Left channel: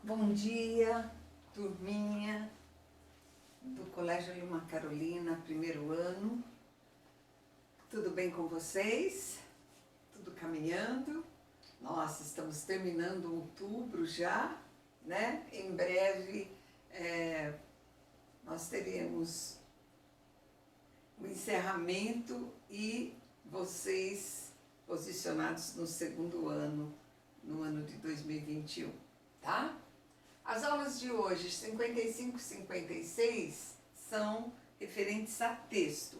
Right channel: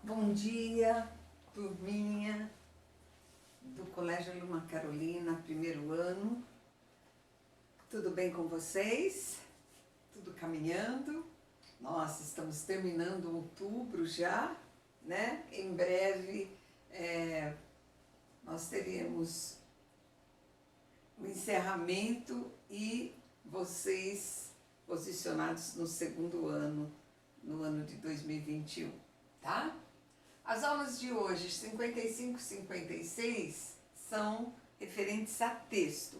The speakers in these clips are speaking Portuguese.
Bom dia, turminha do Colégio Luma Carolina, primeiro ano. Tudo bem com vocês? Tudo caminhando? Nós estamos terminando outubro já, né? Em breve nós teremos o encerramento e vocês posicionados no segundo ano, no ano de 2021, tá? As aulas de hoje, 55 e 56, são referentes a texto.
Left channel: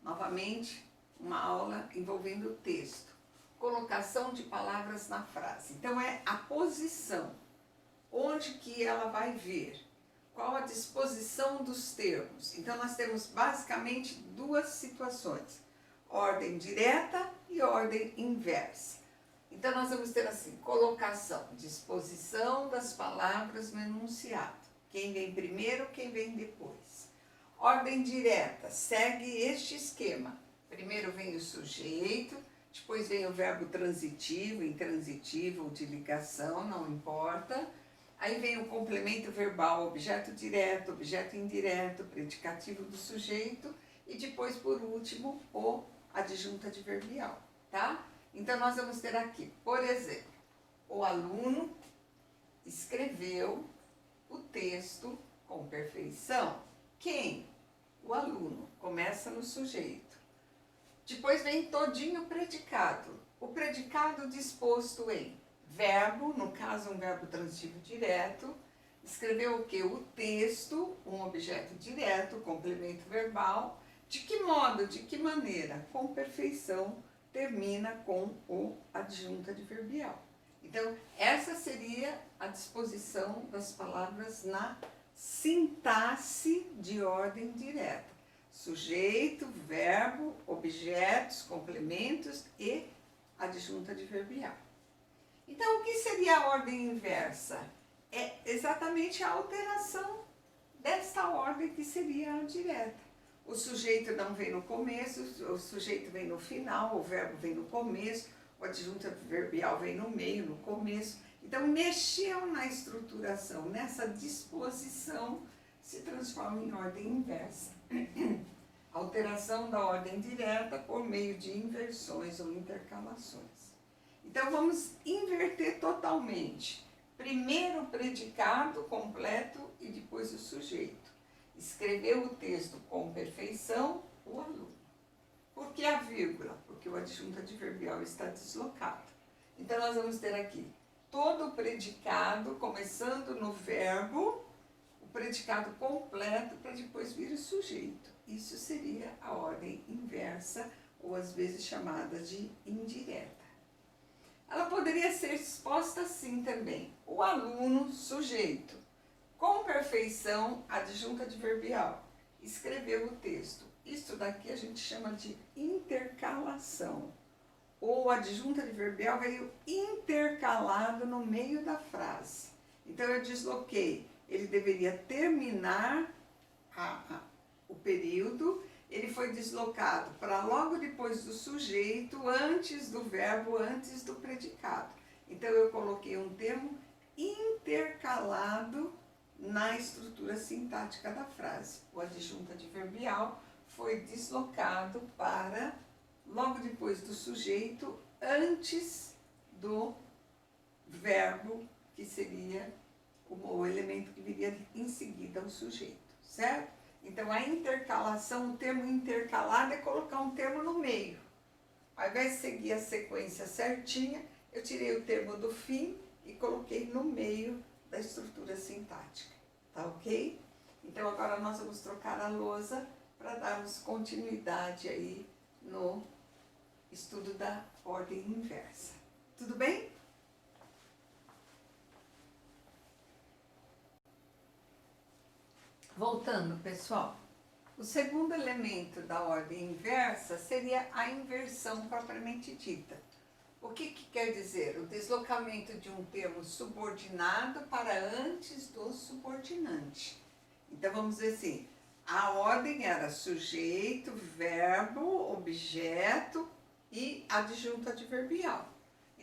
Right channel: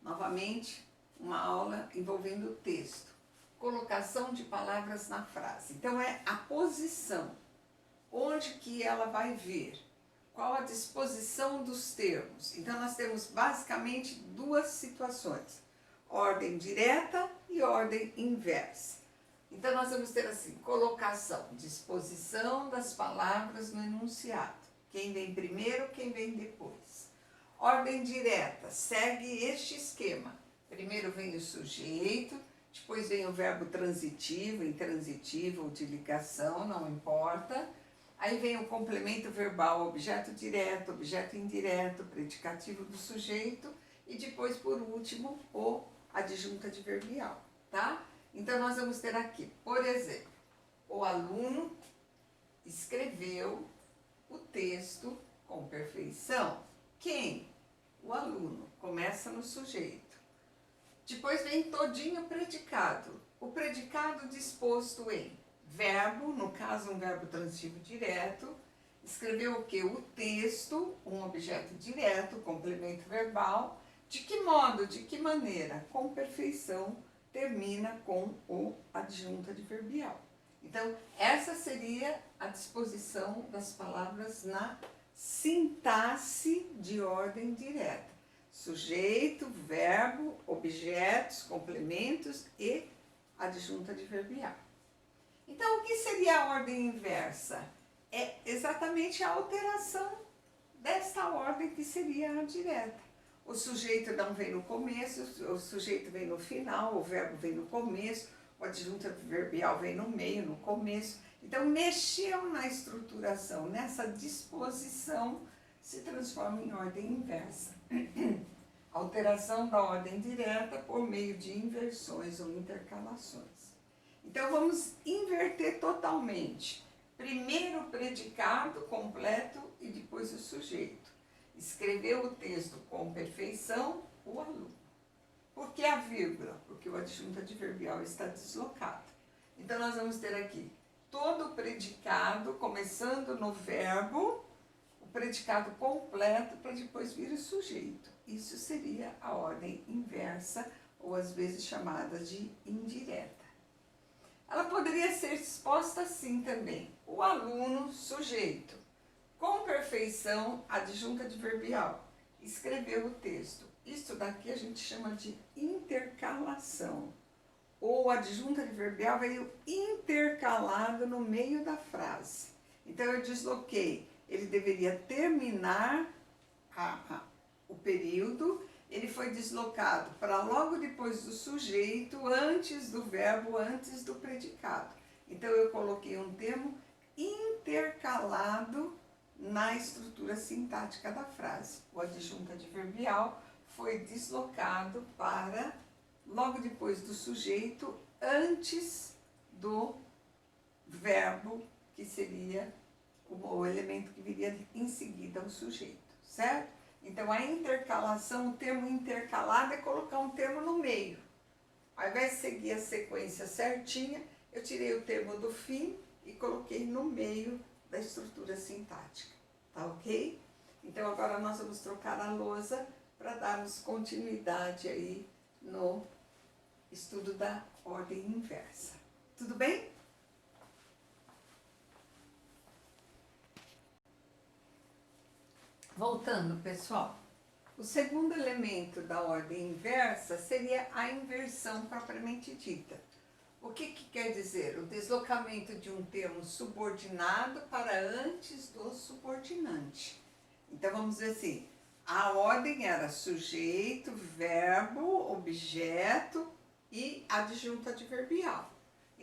Novamente, uma aula envolvendo o texto. Colocação de palavras na frase. Então, é a posição. Onde que ela vai vir? Qual a disposição dos termos? Então, nós temos basicamente duas situações. Ordem direta e ordem inversa. Então, nós vamos ter assim, colocação, disposição das palavras no enunciado. Quem vem primeiro, quem vem depois. Ordem direta, segue este esquema. Primeiro vem o sujeito, depois vem o verbo transitivo, intransitivo ou de ligação, não importa. Aí vem o complemento verbal, objeto direto, objeto indireto, predicativo do sujeito. E depois, por último, o adjunto adverbial, tá? Então, nós vamos ter aqui, por exemplo, o aluno escreveu o texto com perfeição. Quem? O aluno. Começa no sujeito. Depois vem todinho o predicado. O predicado disposto em verbo, no caso um verbo transitivo direto. Escreveu o quê? O texto, um objeto direto, complemento verbal. De que modo, de que maneira? Com perfeição. Termina com o adjunto adverbial. Então, essa seria a disposição das palavras na sintaxe de ordem direta. Sujeito, verbo, objetos, complementos e adjunto adverbial. Então, o que seria a ordem inversa? É exatamente a alteração desta ordem que seria a direta. O sujeito não vem no começo, o sujeito vem no final, o verbo vem no começo, o adjunto adverbial vem no meio, no começo. Então, mexeu na estruturação, nessa disposição, se transforma em ordem inversa. Alteração da ordem direta por meio de inversões ou intercalações. Então, vamos inverter totalmente. Primeiro o predicado completo e depois o sujeito. Escreveu o texto com perfeição, o aluno. Por que a vírgula? Porque o adjunto adverbial está deslocado. Então, nós vamos ter aqui todo o predicado, começando no verbo, o predicado completo, para depois vir o sujeito. Isso seria a ordem inversa, ou às vezes chamada de indireta. Ela poderia ser exposta assim também. O aluno, sujeito. Com perfeição, adjunto adverbial. Escreveu o texto. Isso daqui a gente chama de intercalação. O adjunto adverbial veio intercalado no meio da frase. Então, eu desloquei. Ele deveria terminar o período. Ele foi deslocado para logo depois do sujeito, antes do verbo, antes do predicado. Então, eu coloquei um termo intercalado na estrutura sintática da frase. O adjunto adverbial foi deslocado para logo depois do sujeito, antes do verbo, que seria o elemento que viria em seguida ao sujeito, certo? Então, a intercalação, o termo intercalado é colocar um termo no meio. Ao invés de seguir a sequência certinha, eu tirei o termo do fim e coloquei no meio da estrutura sintática, tá ok? Então, agora nós vamos trocar a lousa para darmos continuidade aí no estudo da ordem inversa. Tudo bem? Voltando, pessoal. O segundo elemento da ordem inversa seria a inversão propriamente dita. O que quer dizer? O deslocamento de um termo subordinado para antes do subordinante. Então, vamos dizer assim, a ordem era sujeito, verbo, objeto e adjunto adverbial.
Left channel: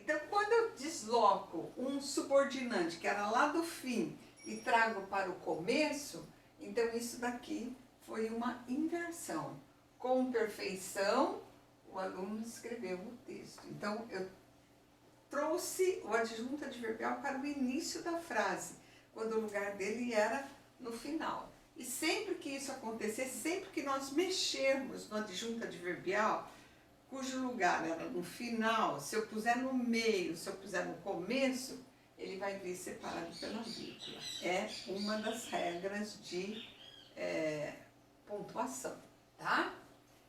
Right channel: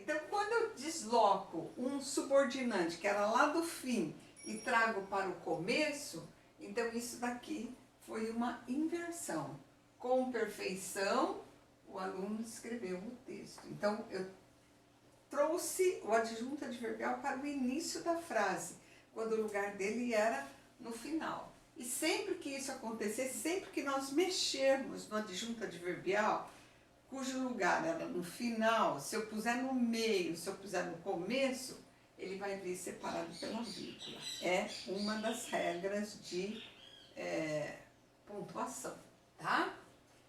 Então, quando eu desloco um subordinante que era lá do fim e trago para o começo, então isso daqui foi uma inversão. Com perfeição, o aluno escreveu o texto. Então, eu trouxe o adjunto adverbial para o início da frase, quando o lugar dele era no final. E sempre que isso acontecer, sempre que nós mexermos no adjunto adverbial, cujo lugar era no final, se eu puser no meio, se eu puser no começo, ele vai vir separado pela vírgula. É uma das regras de pontuação, tá?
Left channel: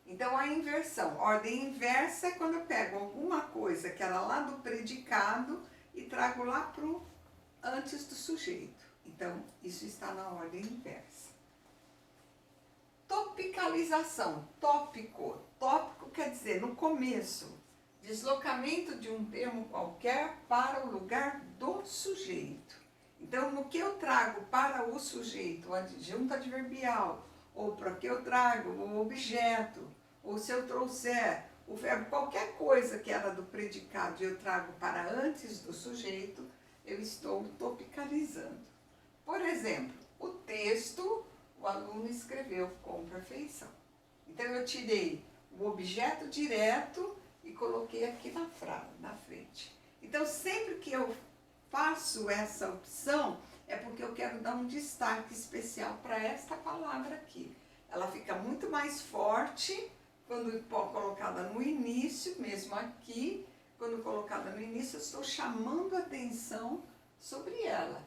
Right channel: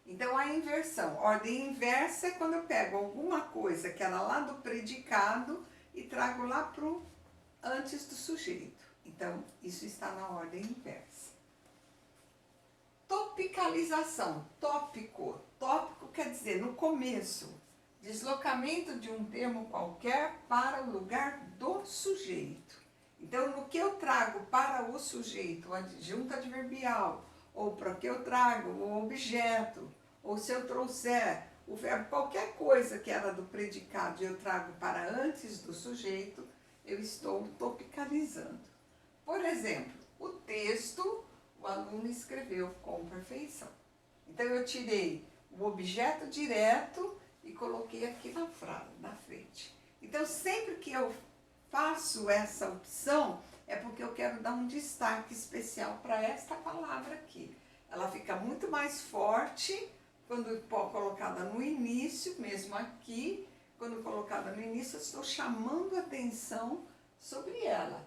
Então, a inversão. Ordem inversa é quando eu pego alguma coisa que era lá do predicado e trago lá para o antes do sujeito. Então, isso está na ordem inversa. Topicalização. Tópico. Tópico quer dizer, no começo, deslocamento de um termo qualquer para o lugar do sujeito. Então, no que eu trago para o sujeito o adjunto adverbial, ou para que eu trago o objeto, ou se eu trouxer o verbo, qualquer coisa que era do predicado e eu trago para antes do sujeito, eu estou topicalizando. Por exemplo, o texto, o aluno escreveu com perfeição. Então, eu tirei o objeto direto e coloquei aqui na frente. Então, sempre que eu faço essa opção, é porque eu quero dar um destaque especial para esta palavra aqui. Ela fica muito mais forte quando colocada no início, mesmo aqui, quando colocada no início, eu estou chamando a atenção sobre ela.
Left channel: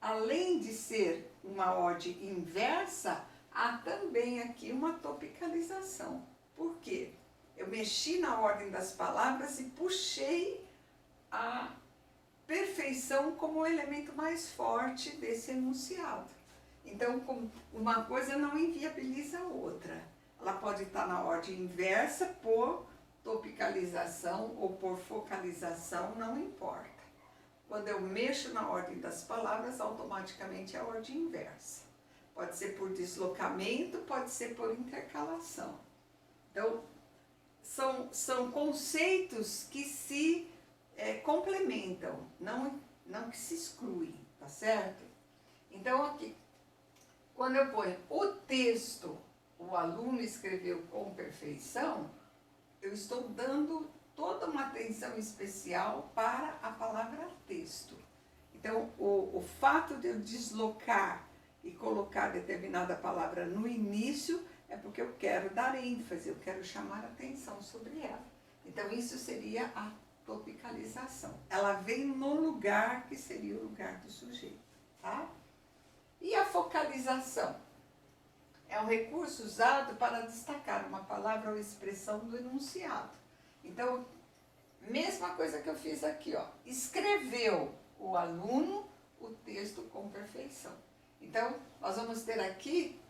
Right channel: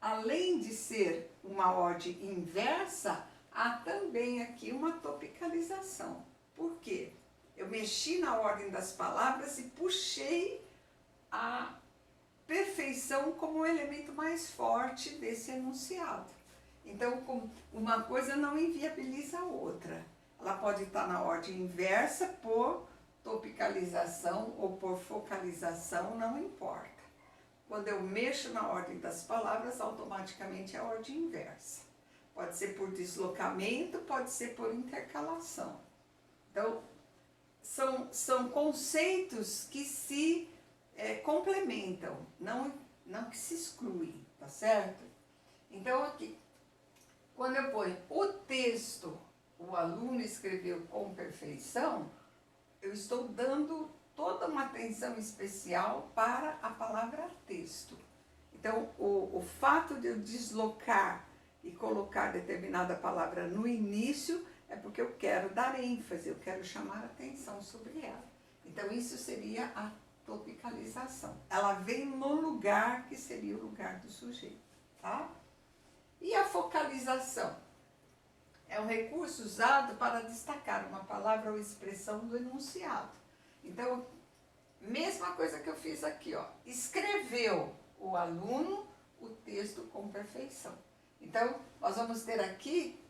Além de ser uma ordem inversa, há também aqui uma topicalização. Por quê? Eu mexi na ordem das palavras e puxei a perfeição como o elemento mais forte desse enunciado. Então, uma coisa não inviabiliza a outra. Ela pode estar na ordem inversa por topicalização ou por focalização, não importa. Quando eu mexo na ordem das palavras, automaticamente é a ordem inversa. Pode ser por deslocamento, pode ser por intercalação. Então, são conceitos que se complementam, não que se excluem, tá certo? Então, aqui, quando eu ponho o texto, o aluno escreveu com perfeição, eu estou dando toda uma atenção especial para a palavra texto. Então, o fato de eu deslocar e colocar determinada palavra no início é porque eu quero dar ênfase, eu quero chamar atenção sobre ela. Então, isso seria a topicalização. Ela vem no lugar que seria o lugar do sujeito, tá? E a focalização? É um recurso usado para destacar uma palavra ou expressão do enunciado. Então, mesma coisa que eu fiz aqui, ó. Escreveu o aluno o texto com perfeição. Então, nós vamos ter aqui,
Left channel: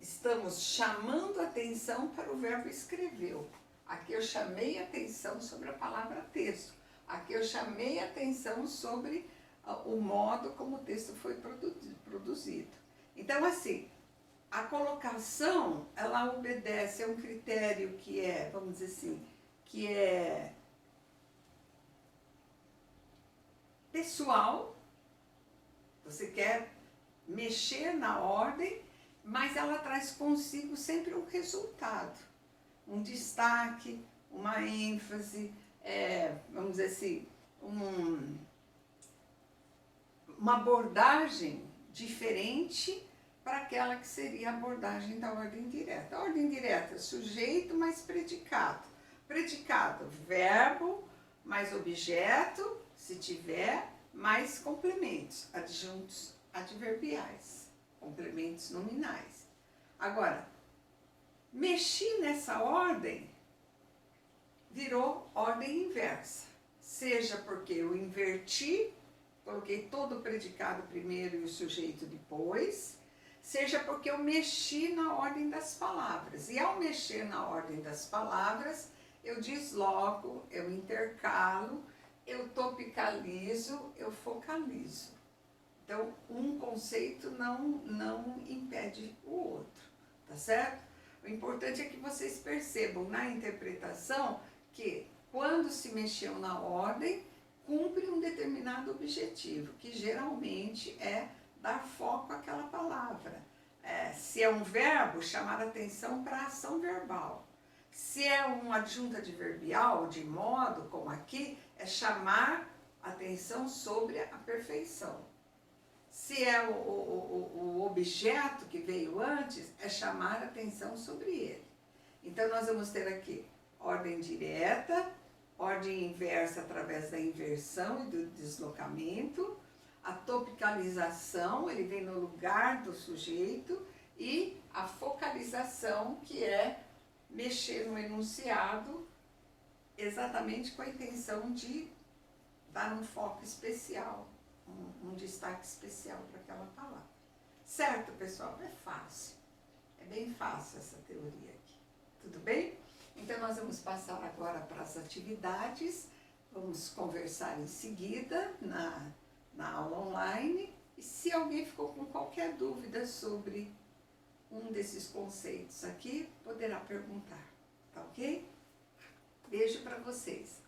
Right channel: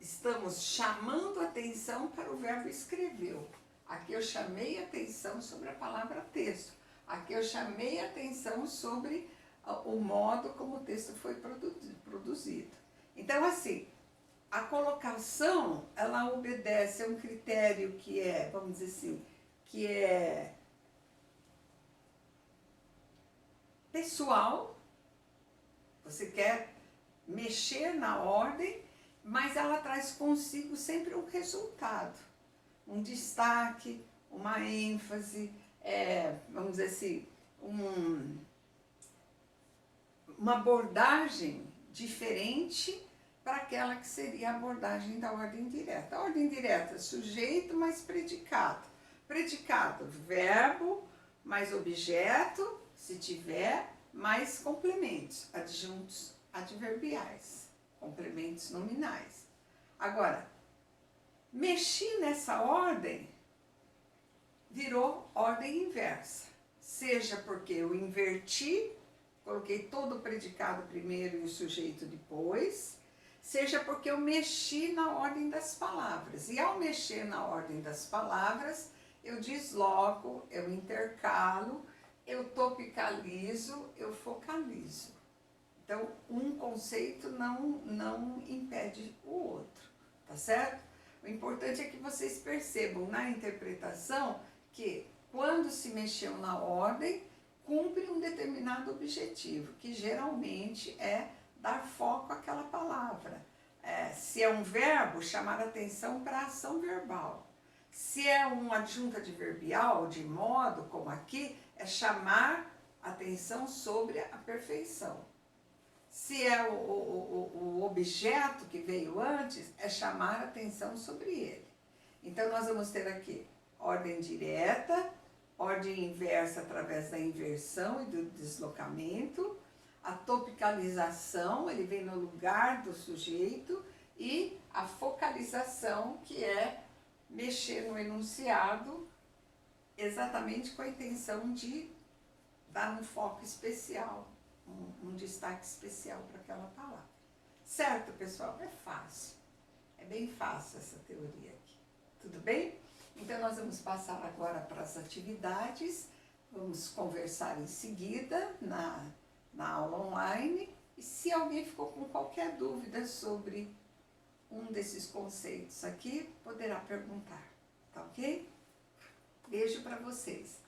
estamos chamando atenção para o verbo escreveu. Aqui eu chamei atenção sobre a palavra texto. Aqui eu chamei atenção sobre o modo como o texto foi produzido. Então, assim, a colocação, ela obedece a um critério que é, vamos dizer assim, que é pessoal. Você quer mexer na ordem, mas ela traz consigo sempre um resultado, um destaque, uma ênfase, vamos dizer assim, uma abordagem diferente para aquela que seria a abordagem da ordem direta. A ordem direta, sujeito mais predicado. Predicado, verbo mais objeto, se tiver, mais complementos, adjuntos adverbiais, complementos nominais. Agora, mexi nessa ordem, virou ordem inversa. Seja porque eu inverti, coloquei todo o predicado primeiro e o sujeito depois, seja porque eu mexi na ordem das palavras. E ao mexer na ordem das palavras, eu desloco, eu intercalo, eu topicalizo, eu focalizo. Então, um conceito não impede o outro, tá certo? O importante é que vocês percebam na interpretação que, quando se mexeu na ordem, cumpre um determinado objetivo, que geralmente é dar foco àquela palavra. Se é um verbo, chamar atenção para a ação verbal. Se é um adjunto adverbial, de modo, como aqui, é chamar atenção sobre a perfeição. Se é o objeto que veio antes, é chamar atenção sobre ele. Então, nós vamos ter aqui ordem direta, ordem inversa através da inversão e do deslocamento, a topicalização, ele vem no lugar do sujeito, e a focalização, que é mexer no enunciado exatamente com a intenção de dar um foco especial, um destaque especial para aquela palavra. Certo, pessoal? É fácil. É bem fácil essa teoria aqui. Tudo bem? Então, nós vamos passar agora para as atividades. Vamos conversar em seguida na aula online. E se alguém ficou com qualquer dúvida sobre um desses conceitos aqui, poderá perguntar. Tá ok? Beijo para vocês.